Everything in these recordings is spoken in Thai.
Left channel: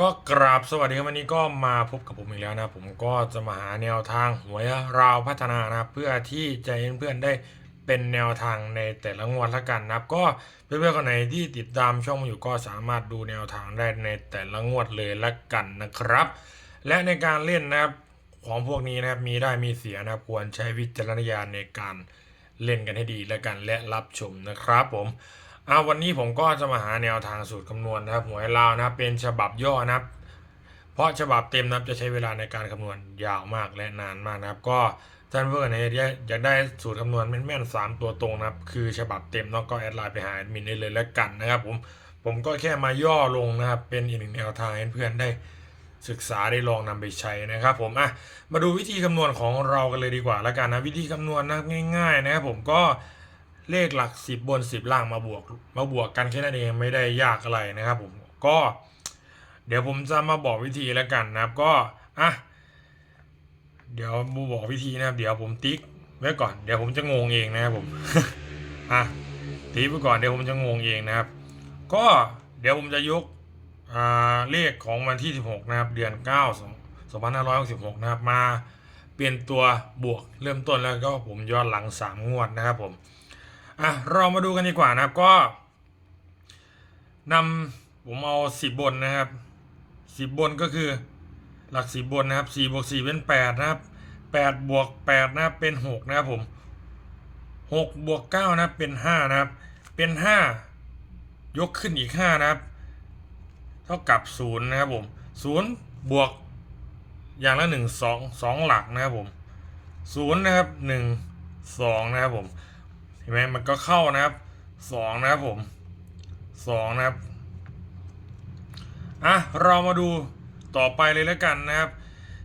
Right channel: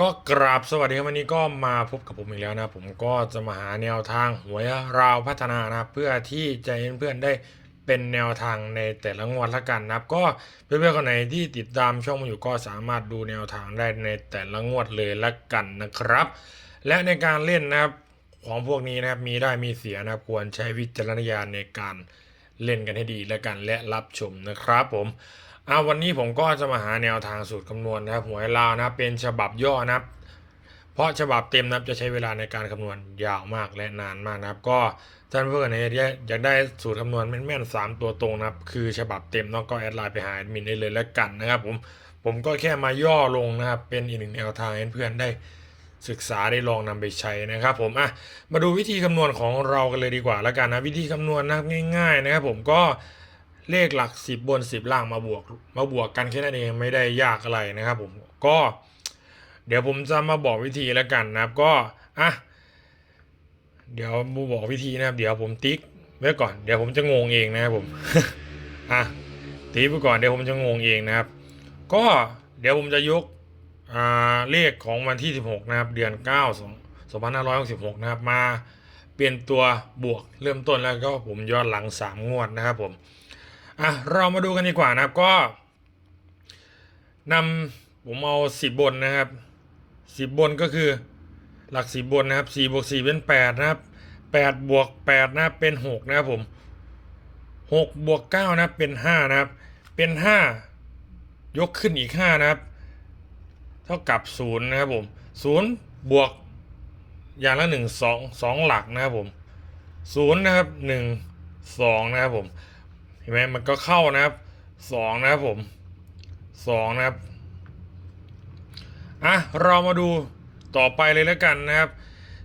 ก็กราบสวัสดีครับวันนี้ก็มาพบกับผมอีกแล้วนะผมก็จะมาหาแนวทางหวยราวพัฒนานะเพื่อที่จะให้เพื่อนได้เป็นแนวทางในแต่ละงวดละกันนะครับ ก็เพื่อนๆคนไหนที่ติดตามช่องมาอยู่ก็สามารถดูแนวทางได้ในแต่ละงวดเลยละกันนะครับ และในการเล่นนะครับของพวกนี้นะครับมีได้มีเสียนะครับควรใช้วิจารณญาณในการเล่นกันให้ดีละกันและรับชมนะครับผม อาวันนี้ผมก็จะมาหาแนวทางสูตรคำนวณนะครับหวยลาวนะเป็นฉบับย่อนะครับ เพราะฉบับเต็มนะครับจะใช้เวลาในการคำนวณยาวมากและนานมากนะครับ ก็ท่านเพื่อนไหนอยากได้สูตรคำนวณแม่นๆสามตัวตรงนะครับ คือฉบับเต็มเนาะก็แอดไลน์ไปหาแอดมินได้เลยแล้วกันนะครับ ผมผมก็แค่มาย่อลงนะครับ เป็นอีกหนึ่งแนวทางให้เพื่อนได้ศึกษาได้ลองนำไปใช้นะครับผมอะมาดูวิธีคำนวณของเรากันเลยดีกว่าแล้วกันนะวิธีคำนวณนะง่ายๆนะครับผมก็ เลขหลัก 10 บน 10 ล่างมาบวก มาบวกกันแค่นั้นเองไม่ได้ยากอะไรนะครับผมก็ เดี๋ยวผมจะมาบอกวิธีแล้วกันนะครับก็อะเดี๋ยวมูบอกวิธีนะครับ เดี๋ยวผมติ๊กไว้ก่อนเดี๋ยวผมจะงงเองนะครับผมอะติ๊กไปก่อนเดี๋ยวผมจะงงเองนะครับ ก็เดี๋ยวผมจะยกอ่าเลขของวันที่ 16 นะครับ เดือน 9 2566 นะครับ มาเปลี่ยนตัวบวกเริ่มต้นแล้วก็ผมย้อนหลัง 3 งวดนะครับผม อะเรามาดูกันดีกว่านะครับก็นำผมเอาสิบบนนะครับสิบบนก็คือหลักสิบบนนะครับสี่บวกสี่เป็นแปดนะครับแปดบวกแปดนะเป็นหกนะครับผมหกบวกเก้านะเป็นห้านะครับ เป็นห้ายกขึ้นอีกห้านะครับ เท่ากับศูนย์นะครับผมศูนย์บวกอย่างละหนึ่งสองสองหลักนะครับผมศูนย์นะครับหนึ่งสองนะครับผม เห็นไหมมันก็เข้านะครับสองนะครับผมสองนะครับอะเรามาดูต่อไปเลยแล้วกันนะครับ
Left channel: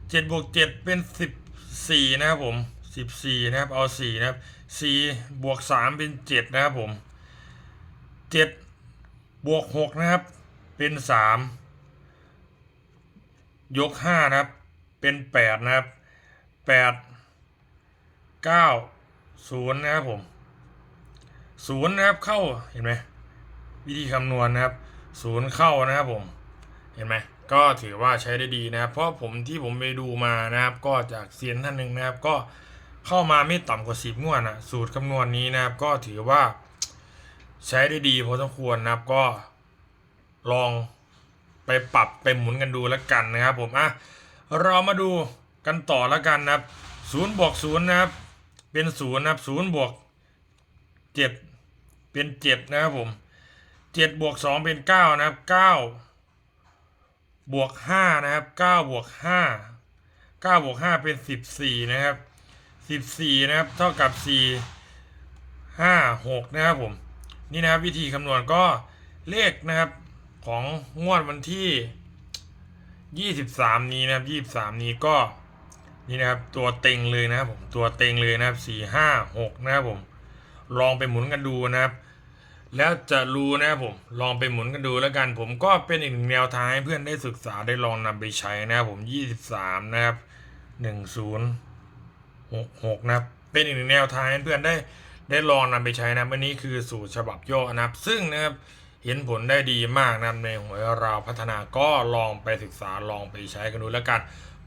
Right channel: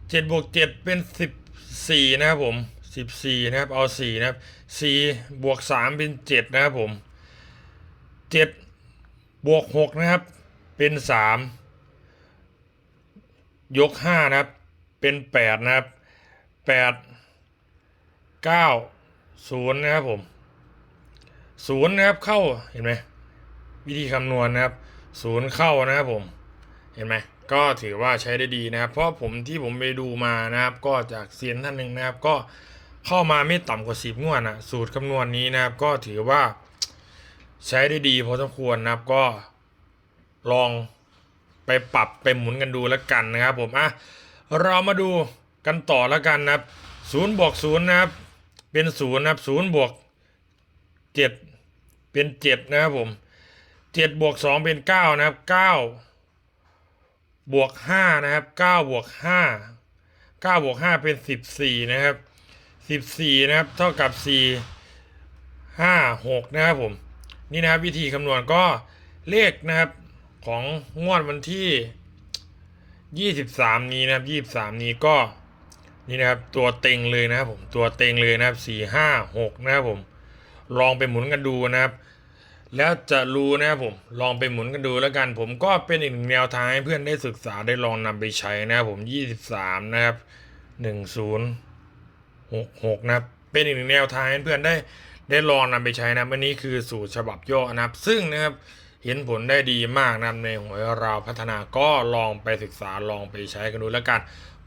เจ็ดบวกเจ็ดเป็นสิบสี่นะครับผมสิบสี่นะครับเอาสี่นะครับสี่บวกสามเป็นเจ็ดนะครับผมเจ็ดบวกหกนะครับเป็นสามยกห้านะครับเป็นแปดนะครับแปดเก้าศูนย์นะครับผม ศูนย์นะครับเข้าเห็นไหมวิธีคำนวณนะครับศูนย์เข้านะครับผมเห็นไหมก็ถือว่าใช้ได้ดีนะครับ เพราะผมที่ผมไปดูมานะครับ ก็จากเซียนท่านหนึ่งนะครับ ก็เข้ามาไม่ต่ำกว่าสิบงวดนะสูตรคำนวณนี้นะครับ ก็ถือว่าใช้ได้ดีพอสมควรนะครับก็ลองไปปรับไปหมุนกันดูแล้วกันนะครับ ผมอะเรามาดูกันต่อแล้วกันนะครับศูนย์บวกศูนย์นะครับ เป็นศูนย์นะครับศูนย์บวกเจ็ด เป็นเจ็ดนะครับผมเจ็ดบวกสองเป็นเก้านะครับเก้าบวกห้านะครับเก้าบวกห้าเก้าบวกห้าเป็นสิบสี่นะครับสิบสี่นะครับเท่ากับสี่ห้าหกนะครับผมนี่นะครับวิธีคำนวณก็เลขนะครับของงวดวันที่ยี่สิบสามนี้นะครับยี่สิบสามนี้ก็นี่นะครับตัวเต็งเลยนะครับผมตัวเต็งเลยนะครับสี่ห้าหกนะครับผม ลองไปหมุนกันดูนะครับ แล้วจะรู้นะครับผมลองไปหมุนกันดูแล้วกัน ผมก็เป็นอีกหนึ่งแนวทางให้เพื่อนได้ศึกษาได้ลองนำไปใช้นะครับผม 23 นะครับ 1066 นะครับ เป็นอีกหนึ่งแนวทางให้เพื่อนได้ได้ลองนำไปใช้นะวันนี้คือสูตรฉบับย่อนะครับ ซึ่งนะครับเห็นผลได้ดีมากนะในหวยเราพัฒนาก็ลองไปศึกษาลองไปใช้กันดูแล้วกัน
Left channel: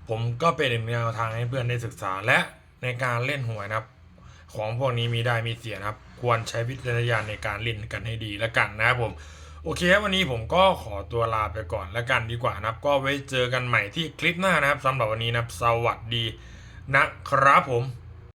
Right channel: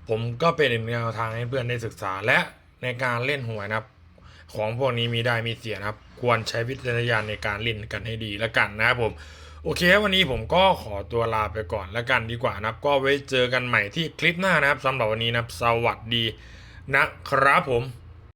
ผมก็เป็นอีกหนึ่งแนวทางให้เพื่อนได้ศึกษาและในการเล่นหวยนะครับ ของพวกนี้มีได้มีเสียนะครับ ควรใช้วิจารณญาณในการเล่นกันให้ดีแล้วกันนะครับผมโอเค วันนี้ผมก็ขอตัวลาไปก่อนแล้วกันดีกว่านะครับ ก็ไว้เจอกันใหม่ที่คลิปหน้านะครับสำหรับวันนี้นะครับ สวัสดีนะครับผม